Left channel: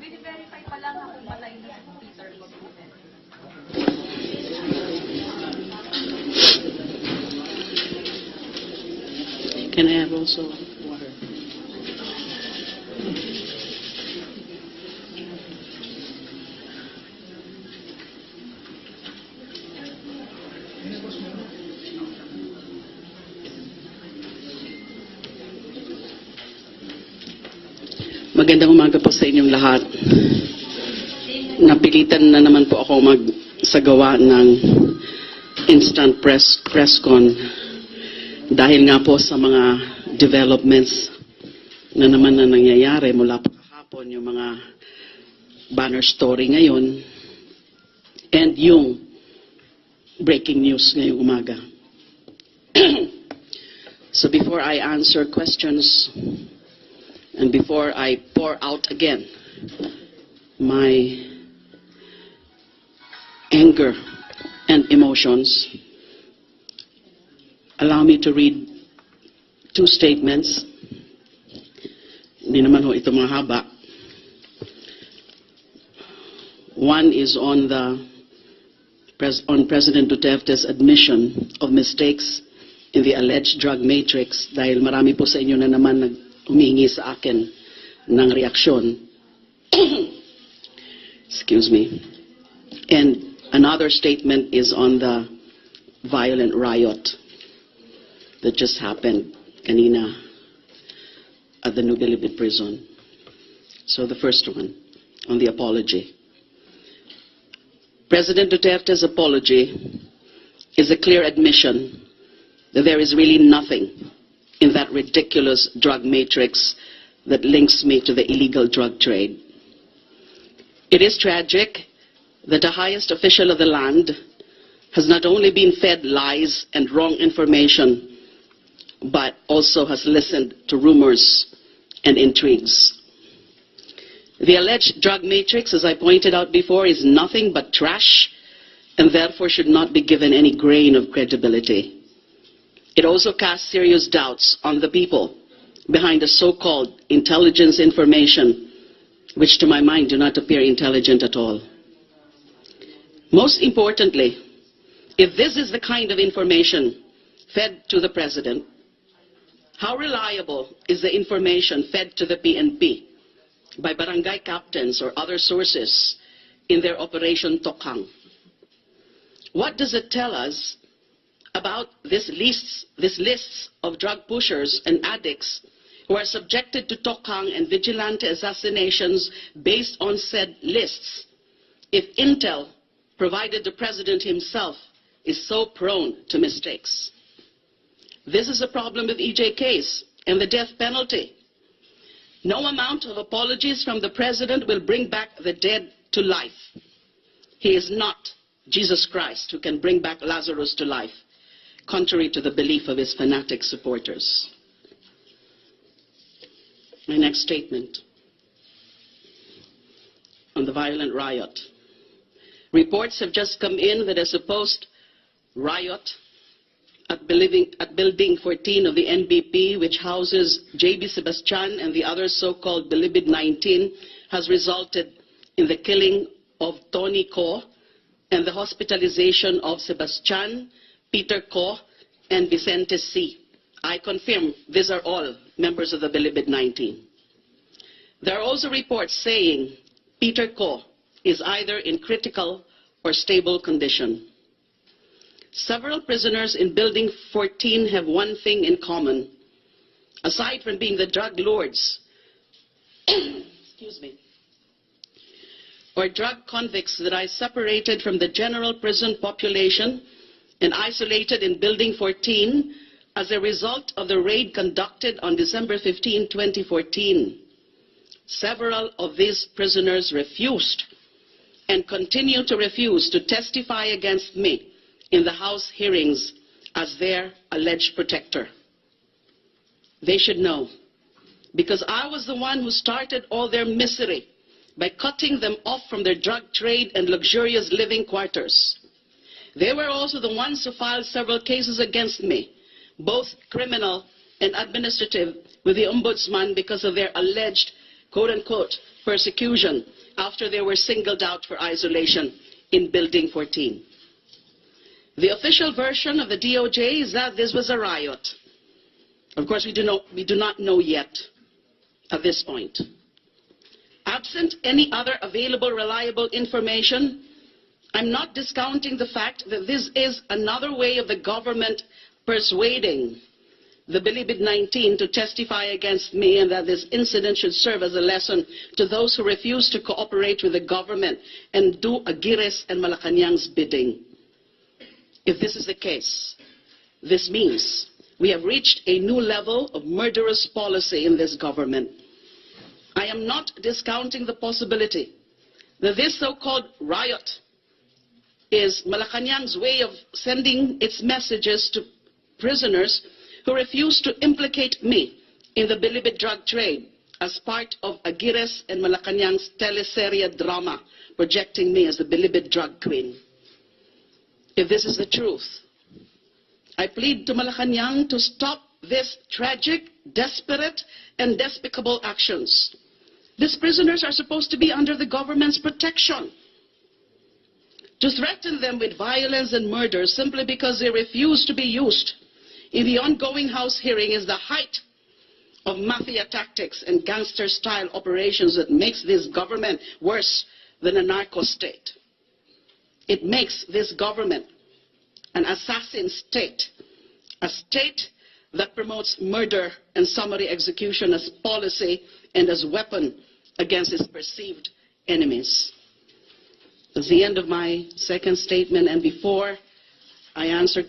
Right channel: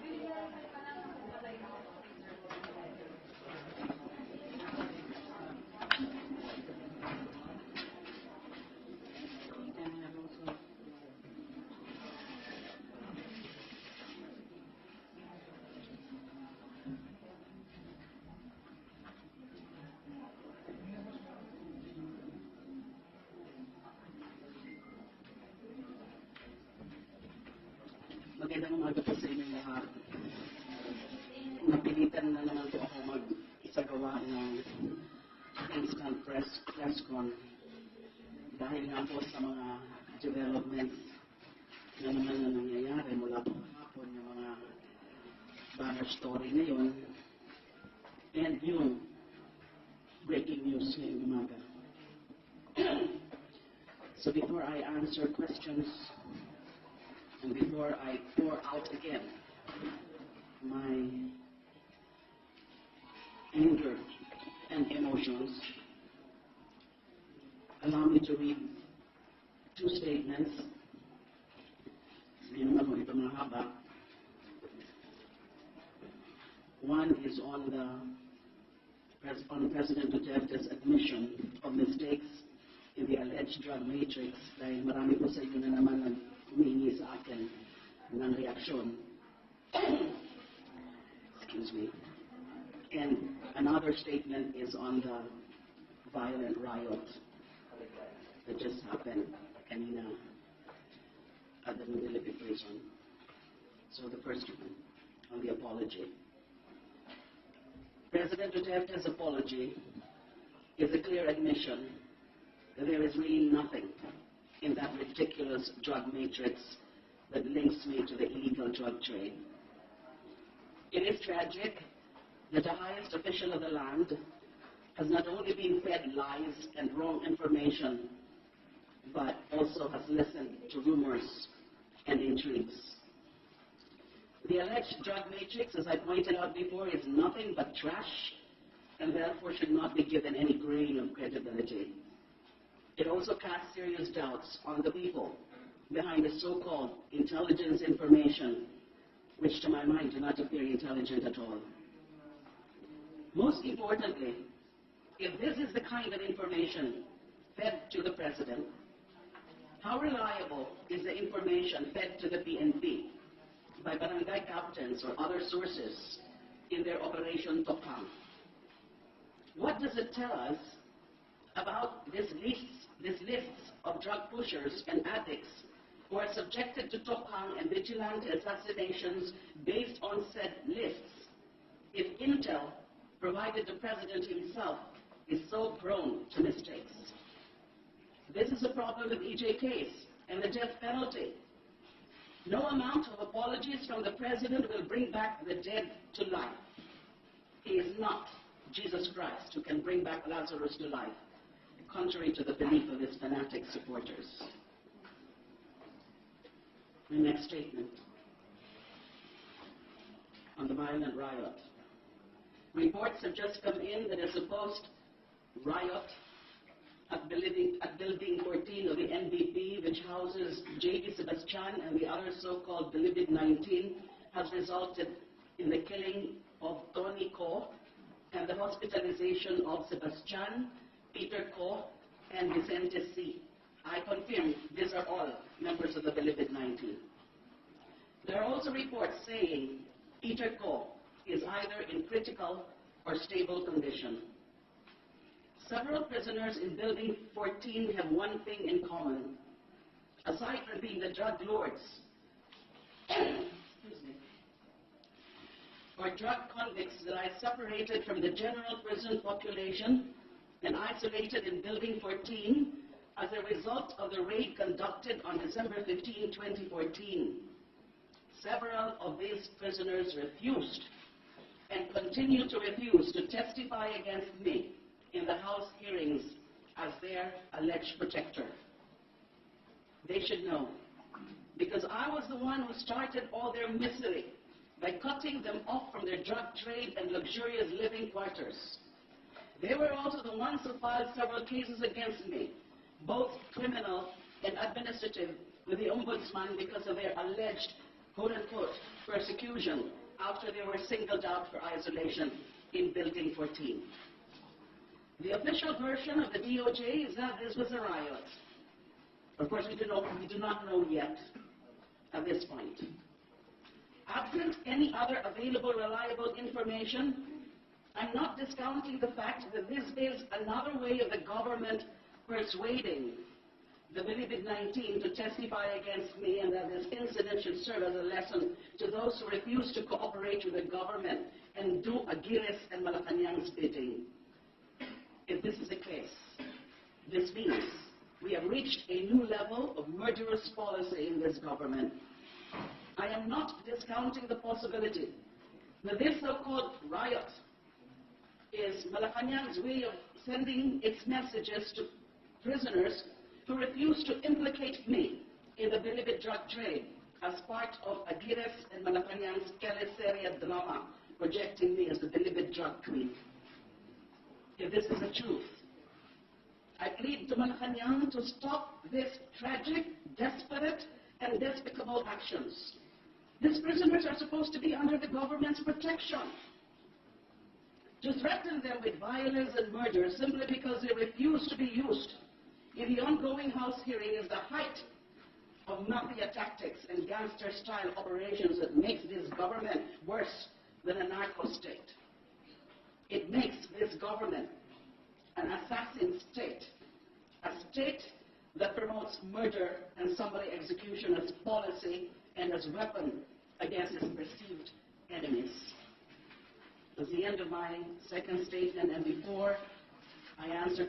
Bini-verify pa lang kung patay na si Peter ko. Can I have also water? Magandang umaga po sa inyong lahat. Napilitan na naman po ako magsagawa ng instant press con dahil nga po sa mga developments na naman na nangyayari mula pa kahapon, yung mga banner story ngayon and yung breaking news ngayong umaga. So before I answer questions and before I pour out again my anger and emotions, allow me to read two statements. Hindi naman ho ito mahaba. One is on President Duterte's admission of mistakes in the alleged drug matrix dahil marami po sa inyo na naman humingi sa akin ng reaksyon. Excuse me. And another statement is on the violent riot that just happened kanina at the New Bilibid prison. So the first one, on the apology. President Duterte's apology is a clear admission that there is really nothing in that ridiculous drug matrix that links me to the illegal drug trade. It is tragic that the highest official of the land has not only been fed lies and wrong information, but also has listened to rumors and intrigues. The alleged drug matrix, as I pointed out before, is nothing but trash and therefore should not be given any grain of credibility. It also casts serious doubts on the people behind the so-called intelligence information, which to my mind do not appear intelligent at all. Most importantly, if this is the kind of information fed to the President, how reliable is the information fed to the PNP by barangay captains or other sources in their Operation Tokhang? What does it tell us about this lists of drug pushers and addicts who are subjected to Tokhang and vigilante assassinations based on said lists, if intel provided the President himself is so prone to mistakes? This is a problem with EJ case and the death penalty. No amount of apologies from the President will bring back the dead to life. He is not Jesus Christ who can bring back Lazarus to life, contrary to the belief of his fanatic supporters. My next statement on the violent riot. Reports have just come in that a supposed riot at Building 14 of the NBP, which houses JB Sebastian and the other so-called Bilibid 19, has resulted in the killing of Tony Ko and the hospitalization of Sebastian, Peter Ko, and Vicente C. I confirm these are all members of the Bilibid 19. There are also reports saying Peter Ko is either in critical or stable condition. Several prisoners in Building 14 have one thing in common. Aside from being the drug lords, excuse me, or drug convicts that I separated from the general prison population and isolated in Building 14 as a result of the raid conducted on December 15, 2014. Several of these prisoners refused and continue to refuse to testify against me in the House hearings as their alleged protector. They should know, because I was the one who started all their misery by cutting them off from their drug trade and luxurious living quarters. They were also the ones who filed several cases against me, both criminal and administrative, with the Ombudsman because of their alleged quote-unquote, persecution after they were singled out for isolation in Building 14. The official version of the DOJ is that this was a riot. Of course, we do not know yet at this point. Absent any other available reliable information, I'm not discounting the fact that this is another way of the government persuading the Bilibid-19 to testify against me, and that this incident should serve as a lesson to those who refuse to cooperate with the government and do Aguirre's and Malacanang's bidding. If this is the case, this means we have reached a new level of murderous policy in this government. I am not discounting the possibility that this so-called riot is Malacanang's way of sending its messages to prisoners who refuse to implicate me in the Bilibid drug trade as part of Aguirre's and Malacanang's teleserye drama projecting me as the Bilibid drug queen. If this is the truth, I plead to Malacanang to stop this tragic, desperate, and despicable actions. These prisoners are supposed to be under the government's protection. To threaten them with violence and murder simply because they refuse to be used in the ongoing House hearing is the height of mafia tactics and gangster-style operations that makes this government worse than a narco state. It makes this government an assassin state, a state that promotes murder and summary execution as policy and as weapon against its perceived enemies. That's the end of my second statement, and before I answer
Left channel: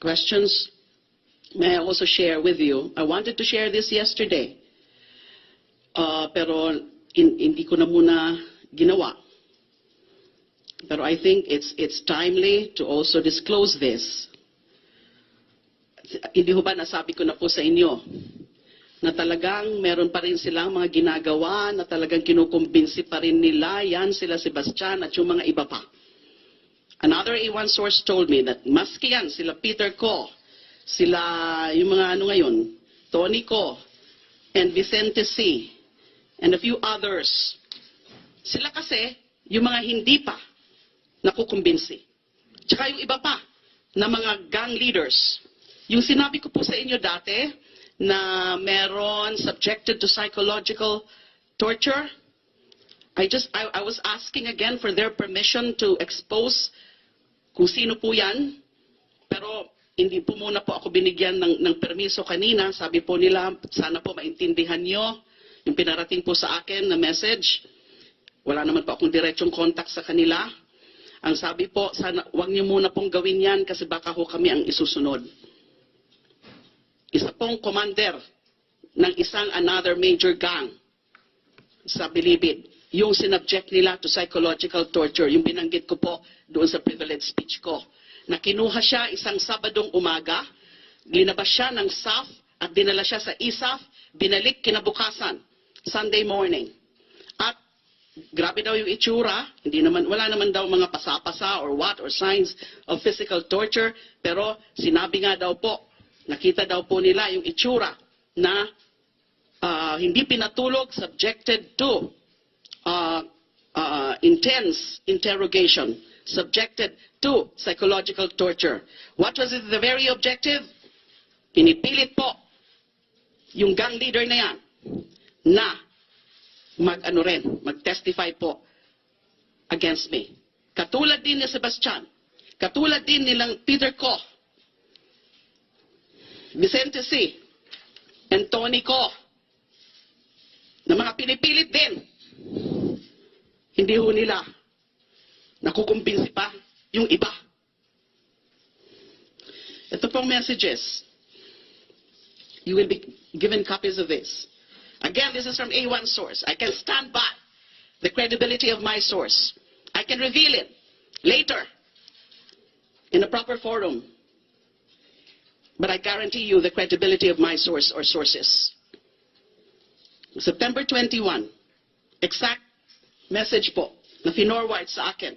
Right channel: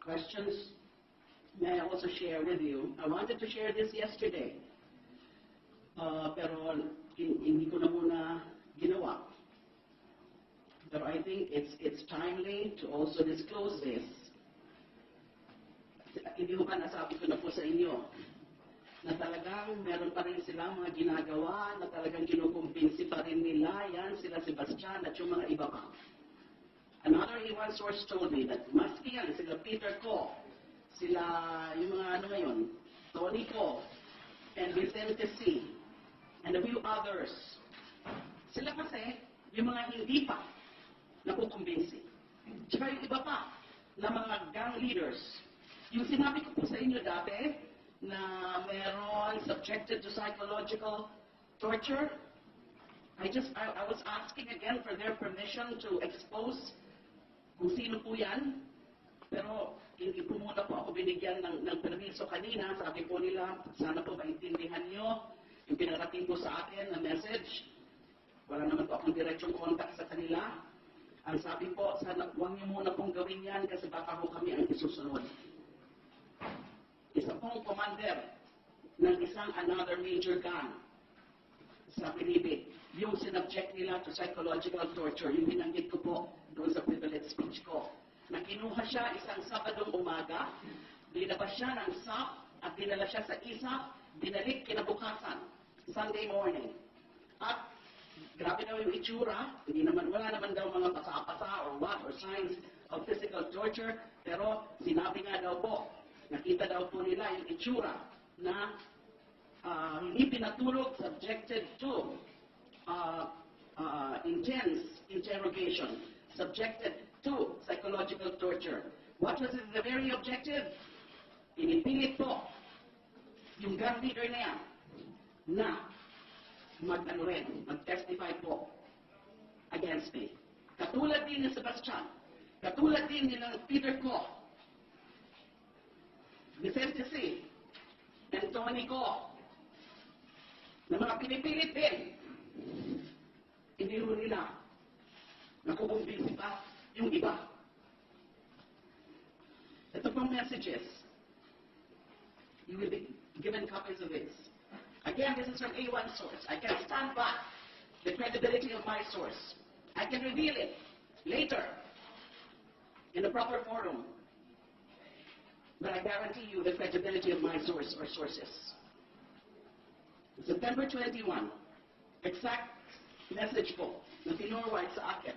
questions, may I also share with you, I wanted to share this yesterday, pero hindi ko na muna ginawa. Pero I think it's timely to also disclose this. Hindi ho ba nasabi ko na po sa inyo na talagang meron pa rin silang mga ginagawa na talagang kinukumbinsi pa rin nila, yan sila Sebastian at yung mga iba pa. Another A1 source told me that maski yan, sila Peter Ko, sila yung mga ano ngayon, Tony Ko, and Vicente C, and a few others, sila kasi yung mga hindi pa nakukumbinsi. Tsaka yung iba pa na mga gang leaders. Yung sinabi ko po sa inyo dati, na meron subjected to psychological torture. I was asking again for their permission to expose kung sino po yan. Pero hindi po muna po ako binigyan ng permiso kanina. Sabi po nila, sana po maintindihan nyo yung pinarating po sa akin na message. Wala naman po akong diretsong contact sa kanila. Ang sabi po, sana wag nyo muna pong gawin yan kasi baka ho kami ang isusunod. Isa pong commander ng isang another major gang sa Bilibid, yung sinubject nila to psychological torture, yung binanggit ko po doon sa privilege speech ko, na kinuha siya isang Sabadong umaga, linabas siya ng SAF at dinala siya sa ISAF, binalik kinabukasan, Sunday morning. At grabe daw yung itsura, wala naman daw mga pasapasa or what, or signs of physical torture, pero sinabi nga daw po, nakita daw po nila yung itsura na hindi pinatulog, subjected to intense interrogation, subjected to psychological torture. What was the very objective? Pinipilit po yung gang leader na yan na mag-testify po against me. Katulad din ni Sebastian, katulad din nilang Peter Ko, Vicente C, and Tony Ko, na mga pinipilit din. Hindi ho nila nakukumbinsi pa yung iba. Ito pong messages. You will be given copies of this. Again, this is from A1 source. I can stand by the credibility of my source. I can reveal it later in a proper forum. But I guarantee you the credibility of my source or sources. September 21, exact message po na finorward sa akin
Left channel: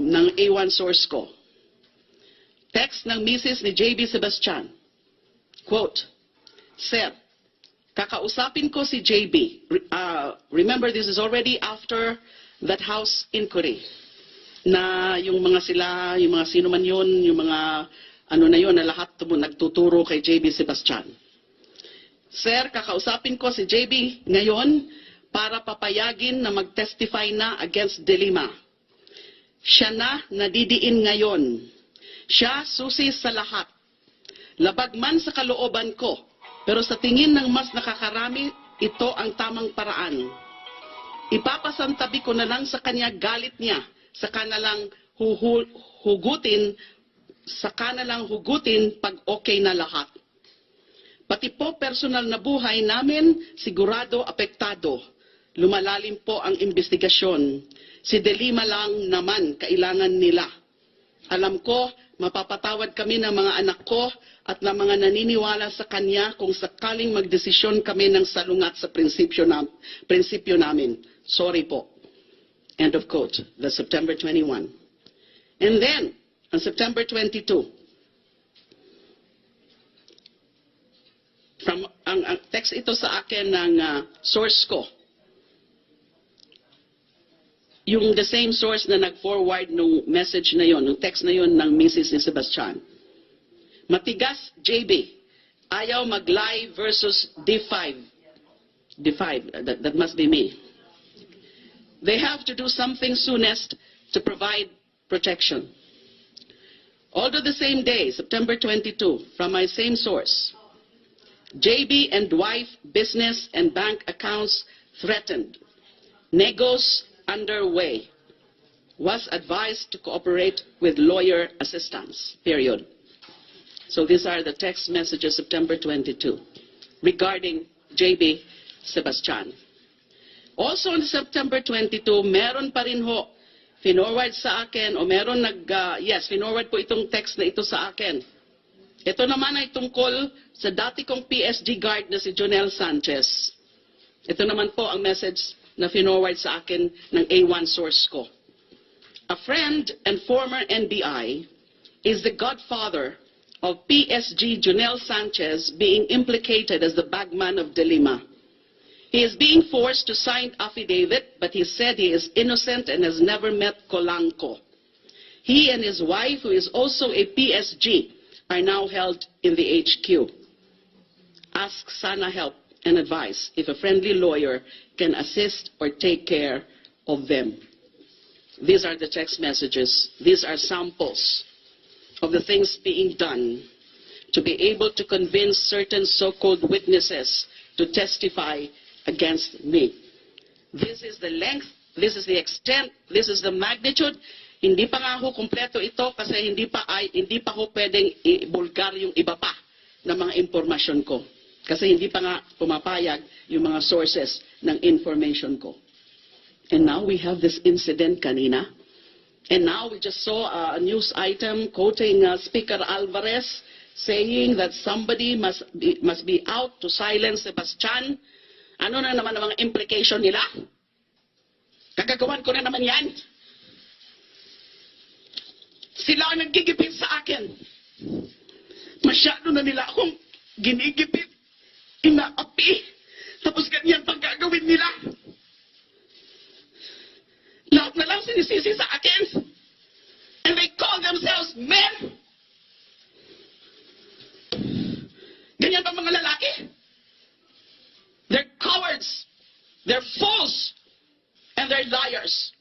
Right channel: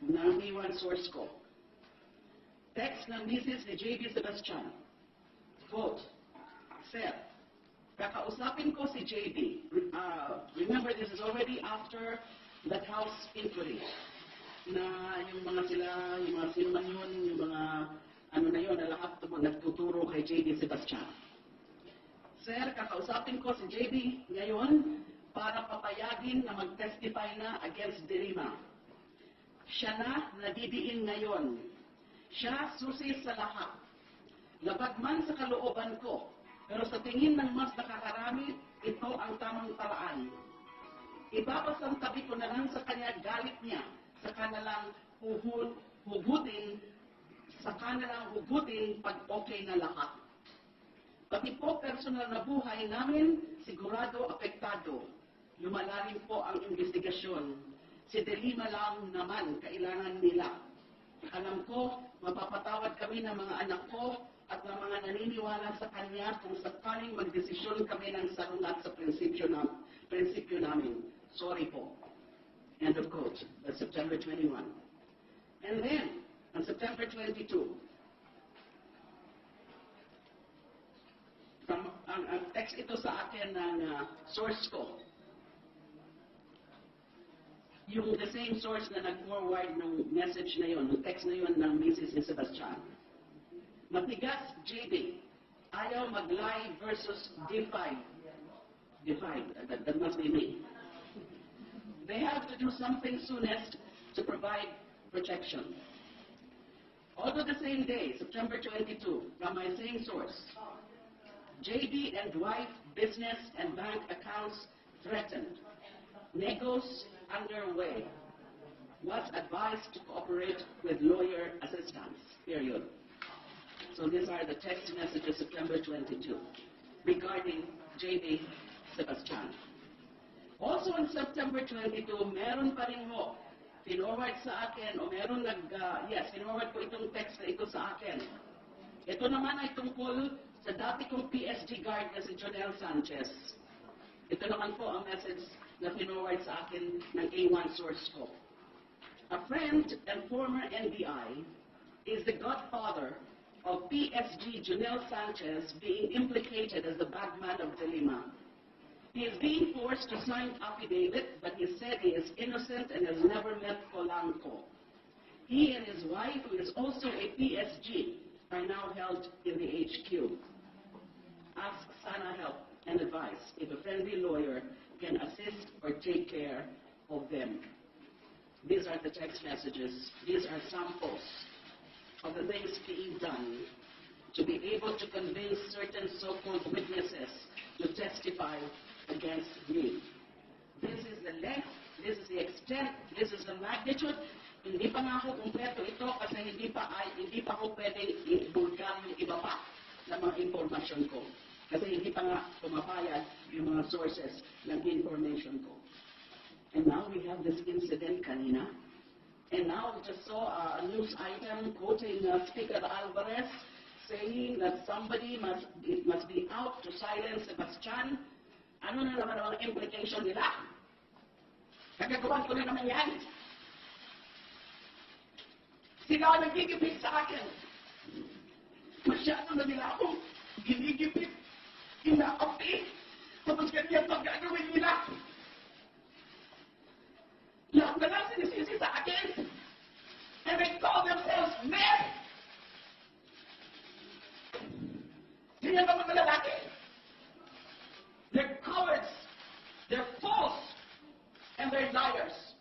ng A1 source ko. Text ng Mrs. ni JB Sebastian. Quote, Sir, Kakausapin ko si JB. Remember, this is already after that House inquiry. Na yung mga sila, yung mga sino man yun, yung mga ano na yun, na lahat nagtuturo kay JB Sebastian. Sir, kakausapin ko si JB ngayon para papayagin na mag-testify na against DELIMA. Siya na nadidiin ngayon. Siya susi sa lahat. Labag man sa kalooban ko, pero sa tingin ng mas nakakarami, ito ang tamang paraan. Ipapasantabi ko na lang sa kanya galit niya, sa kanalang hugutin pag okay na lahat. Pati po personal na buhay namin, sigurado apektado. Lumalalim po ang investigasyon. Si DELIMA lang naman kailangan nila. Alam ko, mapapatawad kami ng mga anak ko at ng mga naniniwala sa kanya kung sakaling magdesisyon kami ng salungat sa prinsipyo namin. Sorry po. End of quote. That's September 21. And then, on September 22, ang text ito sa akin ng source ko. Yung the same source na nag-forward nung message na yon, nung text na yon ng Mrs. ni Sebastian. Matigas, JB. Ayaw mag-lie versus D5. D5, that must be me. They have to do something soonest to provide protection. Although the same day, September 22, from my same source, JB and wife business and bank accounts threatened. Negos underway. Was advised to cooperate with lawyer assistance. Period. So these are the text messages September 22 regarding JB Sebastian. Also on September 22, meron pa rin ho, finorward sa akin, o meron finorward po itong text na ito sa akin. Ito naman ay tungkol sa dati kong PSG guard na si Jonel Sanchez. Ito naman po ang message na finorward sa akin ng A1 source ko. A friend and former NBI is the godfather of PSG Jonel Sanchez being implicated as the bagman of DELIMA. He is being forced to sign affidavit, but he said he is innocent and has never met Colanco. He and his wife, who is also a PSG, are now held in the HQ. Ask Sana help and advice if a friendly lawyer can assist or take care of them. These are the text messages. These are samples of the things being done to be able to convince certain so-called witnesses to testify against me. This is the length, this is the extent, this is the magnitude. Hindi pa nga ho kumpleto ito kasi hindi pa ho pwedeng i-bulgar yung iba pa na mga impormasyon ko. Kasi hindi pa nga pumapayag yung mga sources ng information ko. And now we have this incident kanina. And now we just saw a news item quoting Speaker Alvarez saying that somebody must be out to silence Sebastian. Ano na naman ang mga implication nila? Kagagawan ko na naman yan. Sila ang nagigipit sa akin. Masyado na nila akong ginigipit, inaapi, tapos ganyan pang gagawin nila. Lahat na lang sinisisi sa akin. And they call themselves men. Ganyan ba mga lalaki? They're cowards, they're fools, and they're liars.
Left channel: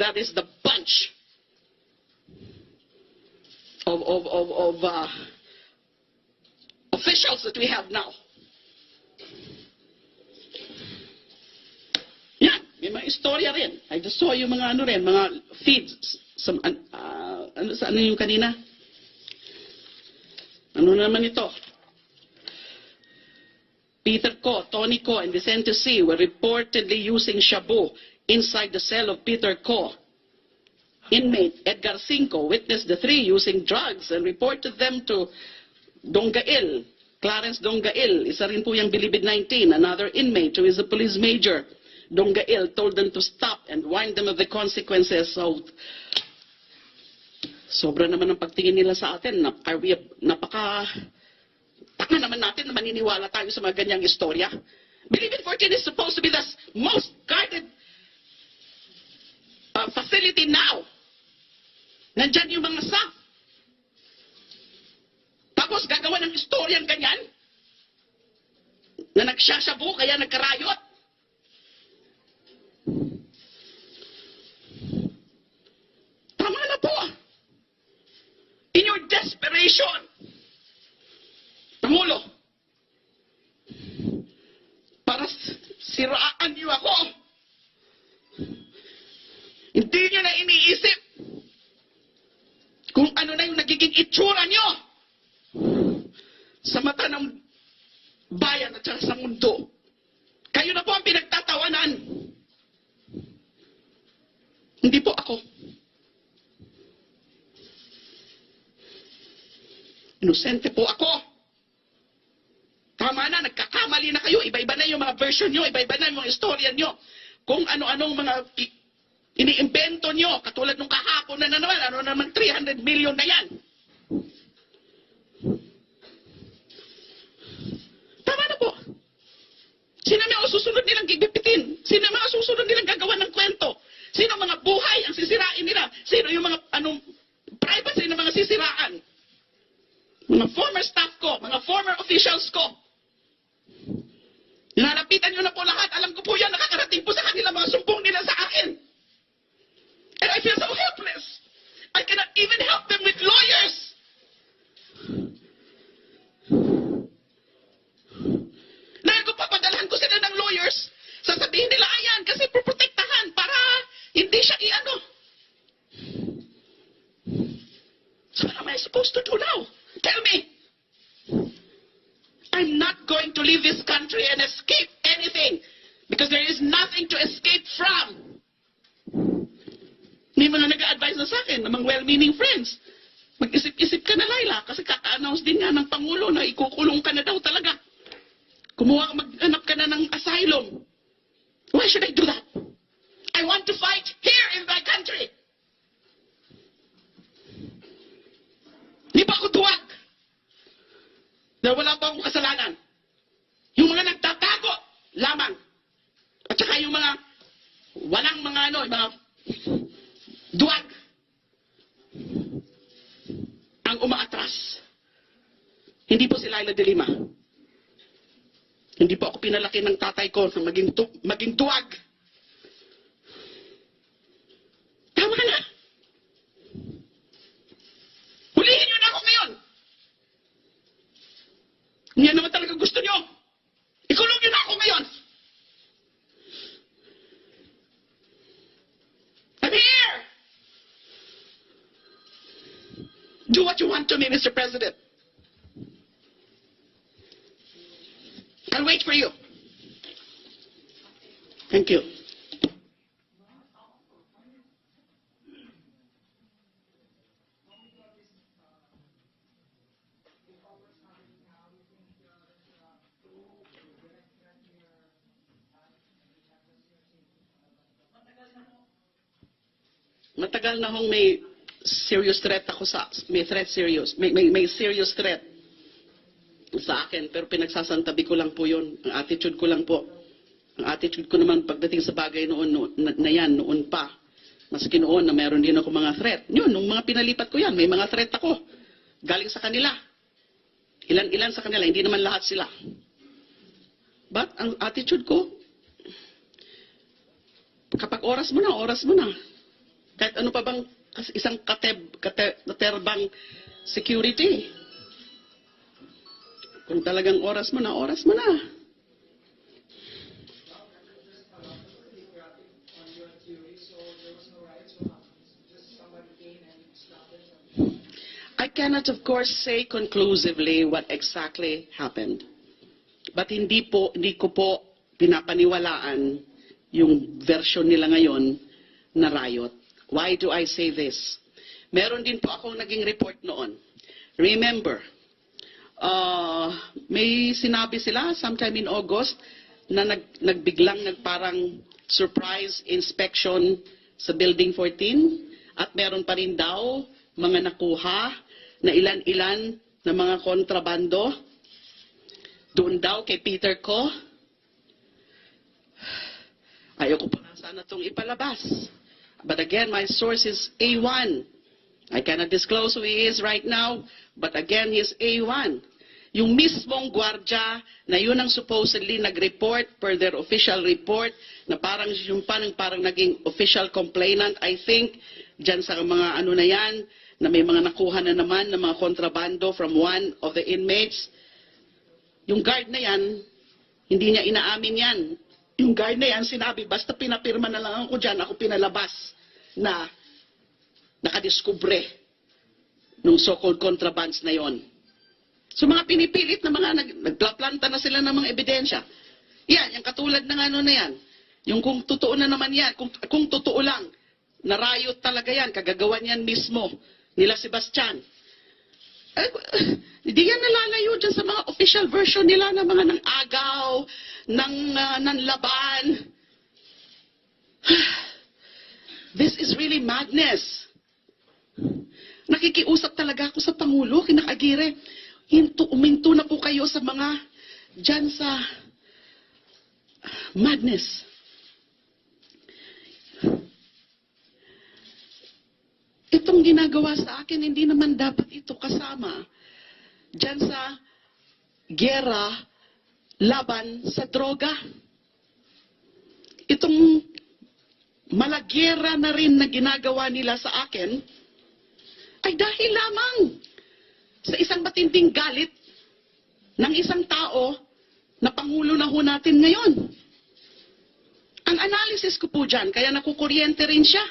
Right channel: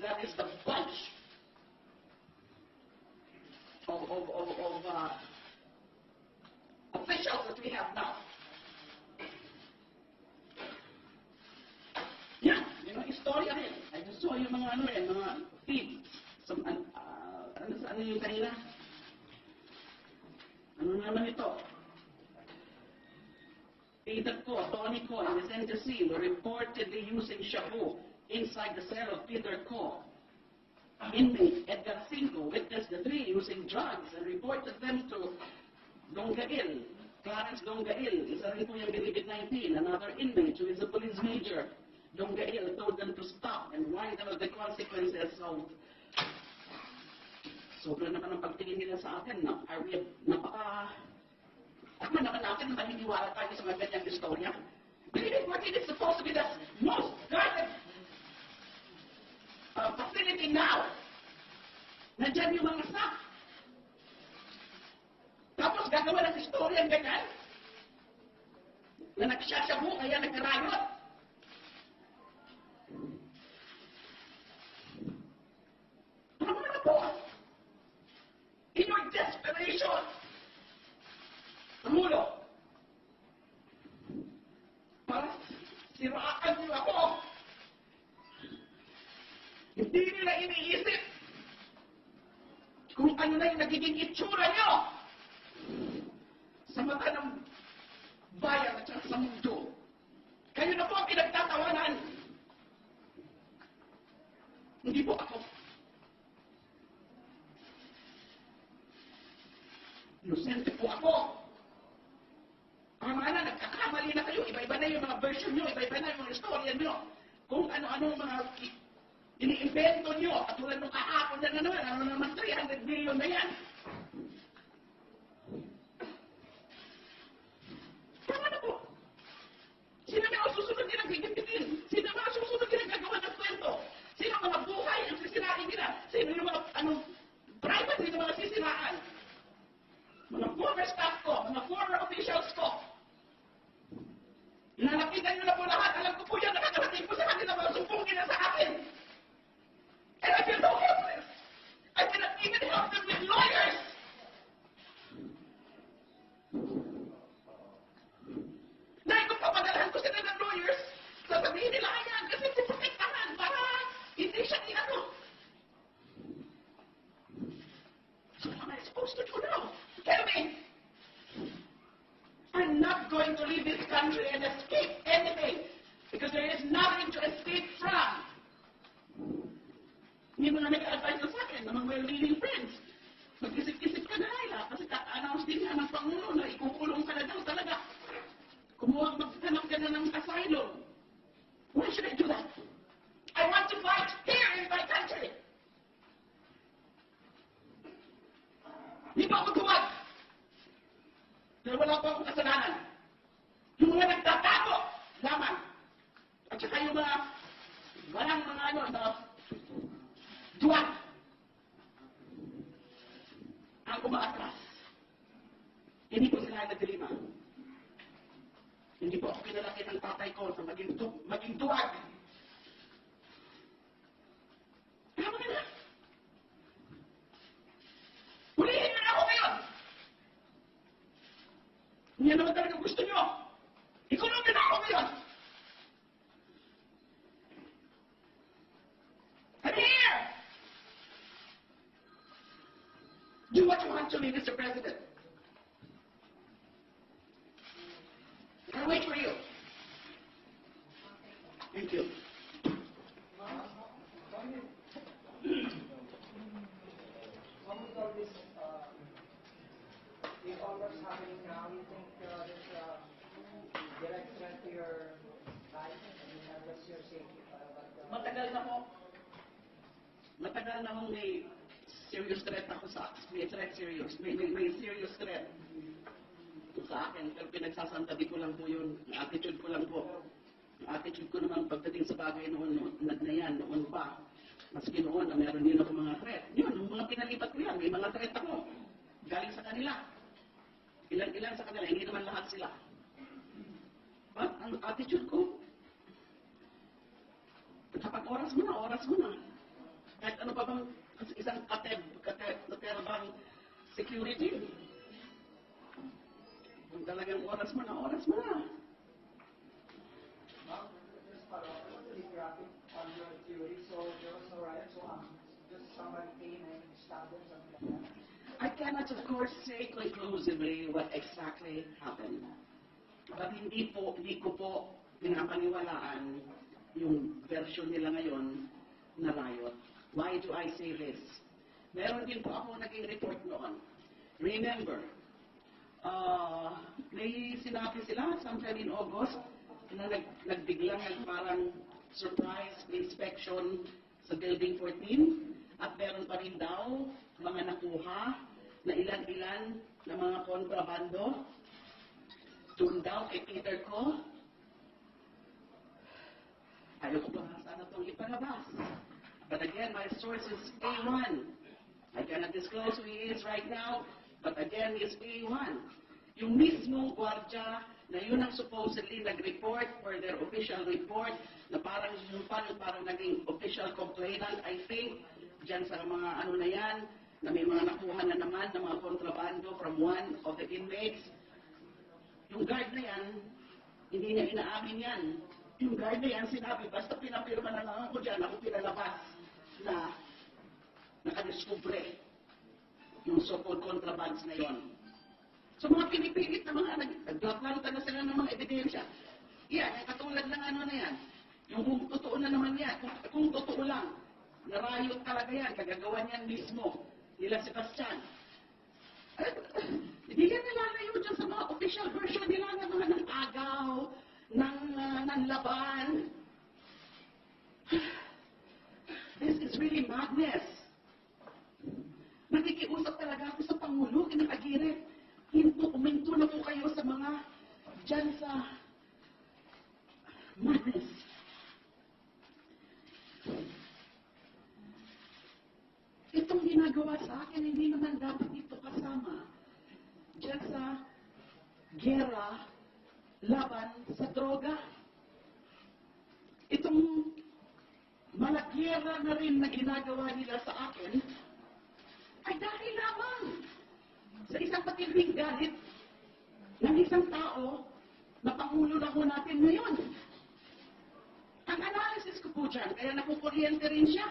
That is the bunch of officials that we have now. Yan, may mga istorya rin. I just saw yung mga mga feeds. Ano yung kanina? Ano naman ito? Peter Ko, Tony Ko, and Vicente C. were reportedly using shabu inside the cell of Peter Ko. Inmate Edgar Cinco witnessed the three using drugs and reported them to Dongail, Clarence Dongail. Isa rin po yung Bilibid 19, another inmate who is a police major. Dongail told them to stop and warned them of the consequences. So, sobra naman ang pagtingin nila sa atin. Are we napaka na naman natin na maniniwala tayo sa mga ganyang istorya. Bilibid 14 is supposed to be the most guarded facility now. Nandyan yung mga SAP. Tapos gagawa ng istoryang ganyan na nagsasyabu kaya nagkarayot. Tama na po. In your desperation, Pangulo, para siraan niyo ako, hindi niyo na iniisip kung ano na yung nagiging itsura niyo sa mata ng bayan at saka sa mundo. Kayo na po ang pinagtatawanan. Hindi po ako. Inosente po ako. Tama na, nagkakamali na kayo. Iba-iba na yung mga version nyo, iba-iba na yung mga istorya nyo. Kung ano-anong mga iniimbento nyo, katulad nung kahapon na naman, ano naman 300 million na yan. Tama na po. Sino mga susunod nilang gigipitin? Sino mga susunod nilang gagawa ng kwento? Sino mga buhay ang sisirain nila? Sino yung mga privacy ng mga sisiraan? Mga former staff ko, mga former officials ko. Nilalapitan nyo na po lahat. Alam ko po yan, nakakarating po sa kanila mga sumbong nila sa akin. And I feel so helpless. I cannot even help them with lawyers. Dahil kung papadalhan ko sila ng lawyers, sasabihin nila, ayan, kasi protektahan para hindi siya i-ano. So what am I supposed to do now? Tell me. I'm not going to leave this country and escape anything because there is nothing to escape from. May mga nag-a-advise na sa akin, namang well-meaning friends. Mag-isip-isip ka na, Laila, kasi kaka-announce din nga ng Pangulo na ikukulong ka na daw talaga. Mag-hanap ka na ng asylum. Why should I do that? I want to fight here in my country. Di ba ako duwag? Dahil wala pa akong kasalanan. Yung mga nagtatago lamang. At saka yung mga walang mga yung mga duwag ang umaatras. Hindi po si Laila de Lima. Hindi po ako pinalaki ng tatay ko na maging duwag. Tama na. Hulihin niyo na ako ngayon. Yan naman talaga gusto niyo. Ikulong niyo na ako ngayon. I'm here. Do what you want to me, Mr. President. I'll wait for you. Thank you. Matagal na hong may serious threat ako may serious threat sa akin, pero pinagsasantabi ko lang po yun. Ang attitude ko lang po. Ang attitude ko naman pagdating sa bagay noon pa. Maski noon na meron din ako mga threat. Yun, nung mga pinalipat ko yan, may mga threat ako. Galing sa kanila. Ilan sa kanila, hindi naman lahat sila. But ang attitude ko, kapag oras mo na. Kahit ano pa bang isang katerbang security. Kung talagang oras mo na. I cannot, of course, say conclusively what exactly happened. But hindi ko po pinapaniwalaan yung version nila ngayon na riot. Why do I say this? Meron din po akong naging report noon. Remember, may sinabi sila sometime in August na nagbiglang nagparang surprise inspection sa Building 14 at meron pa rin daw mga nakuha na ilan-ilan na mga kontrabando Doon daw kay Peter ko, ayoko po na sana itong ipalabas. But again, my source is A1. I cannot disclose who he is right now, but again, he's A1. Yung mismong gwardya na yun ang supposedly nag-report per their official report na parang yung parang naging official complainant, I think, dyan sa mga ano na yan, na may mga nakuha na naman ng mga kontrabando from one of the inmates. Yung guard na yan, hindi niya inaamin yan. Yung guard na yan, sinabi, basta pinapirma na lang ako dyan, ako pinalabas na nakadiskubre nung so-called contrabands na yon. So mga pinipilit na mga nagplaplanta na sila ng mga ebidensya. Yan, yung katulad ng ano na yan. Yung kung totoo na naman yan, kung totoo lang, narayot talaga yan, kagagawan yan mismo nila Sebastian. Hindi yan nalalayo dyan sa mga official version nila ng mga ng agaw, ng laban. This is really madness. Nakikiusap talaga ako sa Pangulo, kinakagire. Uminto na po kayo sa mga dyan sa madness. Itong ginagawa sa akin, hindi naman dapat ito kasama dyan sa gera laban sa droga. Itong malagyera na rin na ginagawa nila sa akin ay dahil lamang sa isang matinding galit ng isang tao na Pangulo na ho natin ngayon. Ang analysis ko po dyan, kaya nakukuryente rin siya.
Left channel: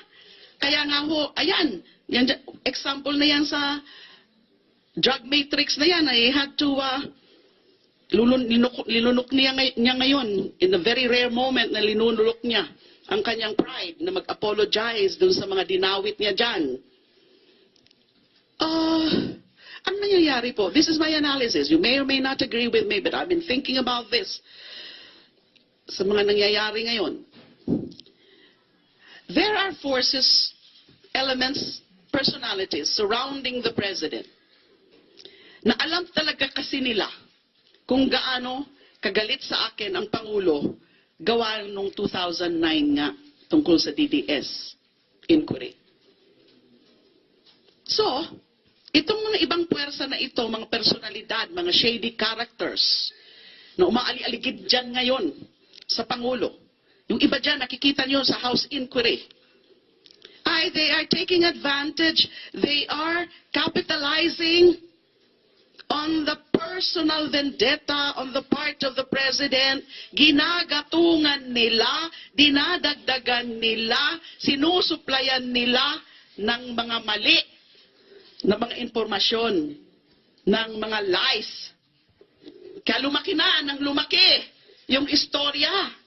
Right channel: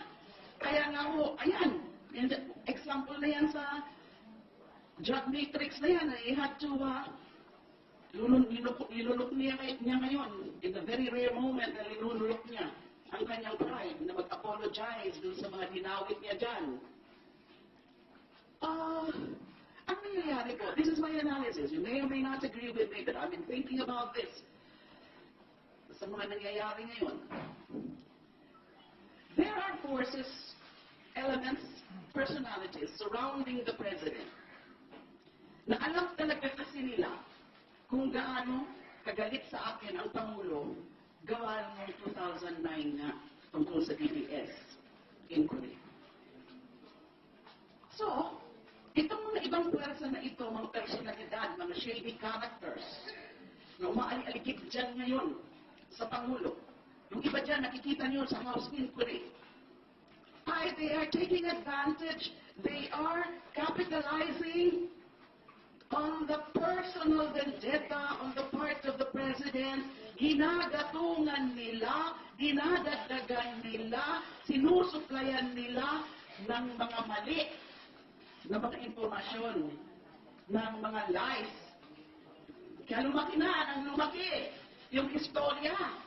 Kaya nga ho, ayan, yan, example na yan sa drug matrix na yan. I had to linunok niya ngayon, in a very rare moment na linunok niya ang kanyang pride na mag-apologize dun sa mga dinawit niya dyan. Ang nangyayari po, this is my analysis. You may or may not agree with me, but I've been thinking about this sa mga nangyayari ngayon. There are forces, elements, personalities surrounding the president na alam talaga kasi nila kung gaano kagalit sa akin ang Pangulo gawa noong 2009 nga tungkol sa DDS inquiry. So, itong mga ibang puwersa na ito, mga personalidad, mga shady characters na umaali-aligid dyan ngayon sa Pangulo. Yung iba dyan, nakikita nyo sa House inquiry. They are taking advantage, they are capitalizing on the personal vendetta on the part of the President. Ginagatungan nila, dinadagdagan nila, sinusuplayan nila ng mga mali na mga impormasyon, ng mga lies. Kaya lumaki na, nang lumaki yung istorya.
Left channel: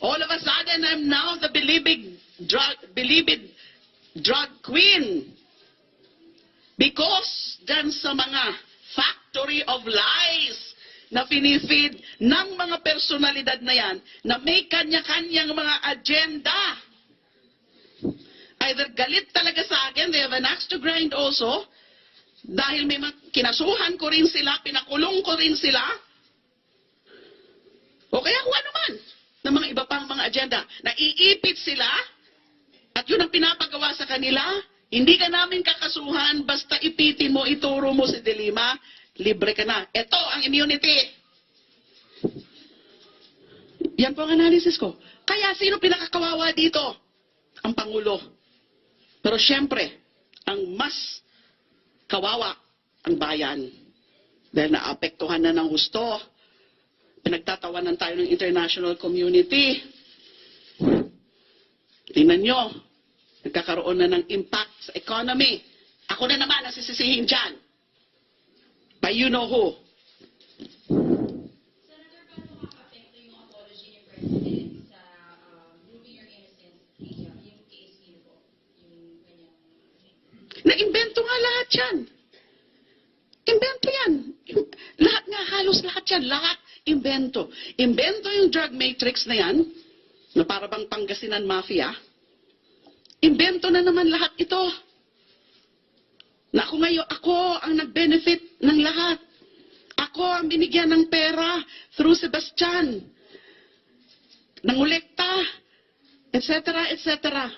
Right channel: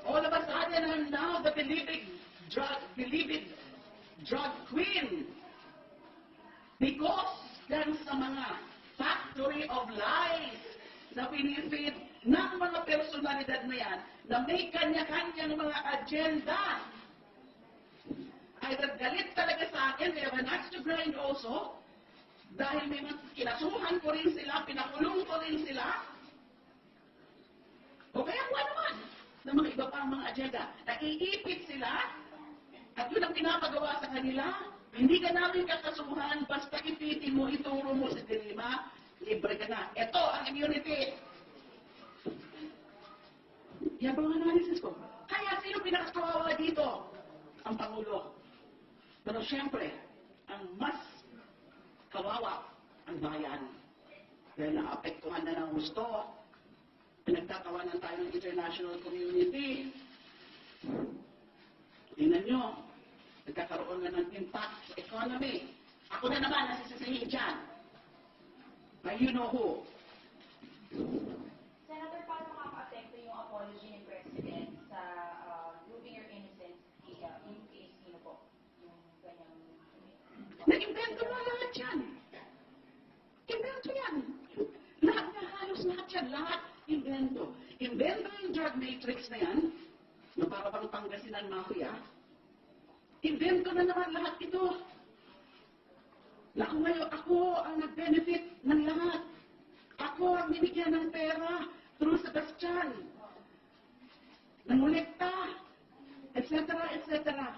All of a sudden, I'm now the believed drug queen. Because dyan sa mga factory of lies na finifeed ng mga personalidad na yan, na may kanya-kanyang mga agenda. Either galit talaga sa akin, they have an axe to grind also, dahil may kinasuhan ko rin sila, pinakulong ko rin sila, o kaya kung ano man, ng mga iba pang mga agenda. Naiipit sila, at yun ang pinapagawa sa kanila, hindi ka namin kakasuhan, basta ipitin mo, ituro mo si DELIMA, libre ka na. Ito ang immunity. Yan po ang analysis ko. Kaya sino pinakakawawa dito? Ang Pangulo. Pero siyempre, ang mas kawawa ang bayan. Dahil naapektuhan na ng husto. Pinagtatawanan tayo ng international community. Tingnan nyo, nagkakaroon na ng impact sa economy. Ako na naman nasisisihin dyan. By you know who. Senator, paano makaka-apekto yung apology ni President sa proving your innocence, yung case niyo po? Yung ganyang... Na-invento nga lahat yan. Invento yan. Lahat nga, halos lahat yan. Lahat, invento. Invento yung drug matrix na yan, na para bang Pangasinan Mafia. Invento na naman lahat ito. Na ako ngayon, ako ang nag-benefit ng lahat. Ako ang binigyan ng pera through Sebastian, nangolekta, etc., etc.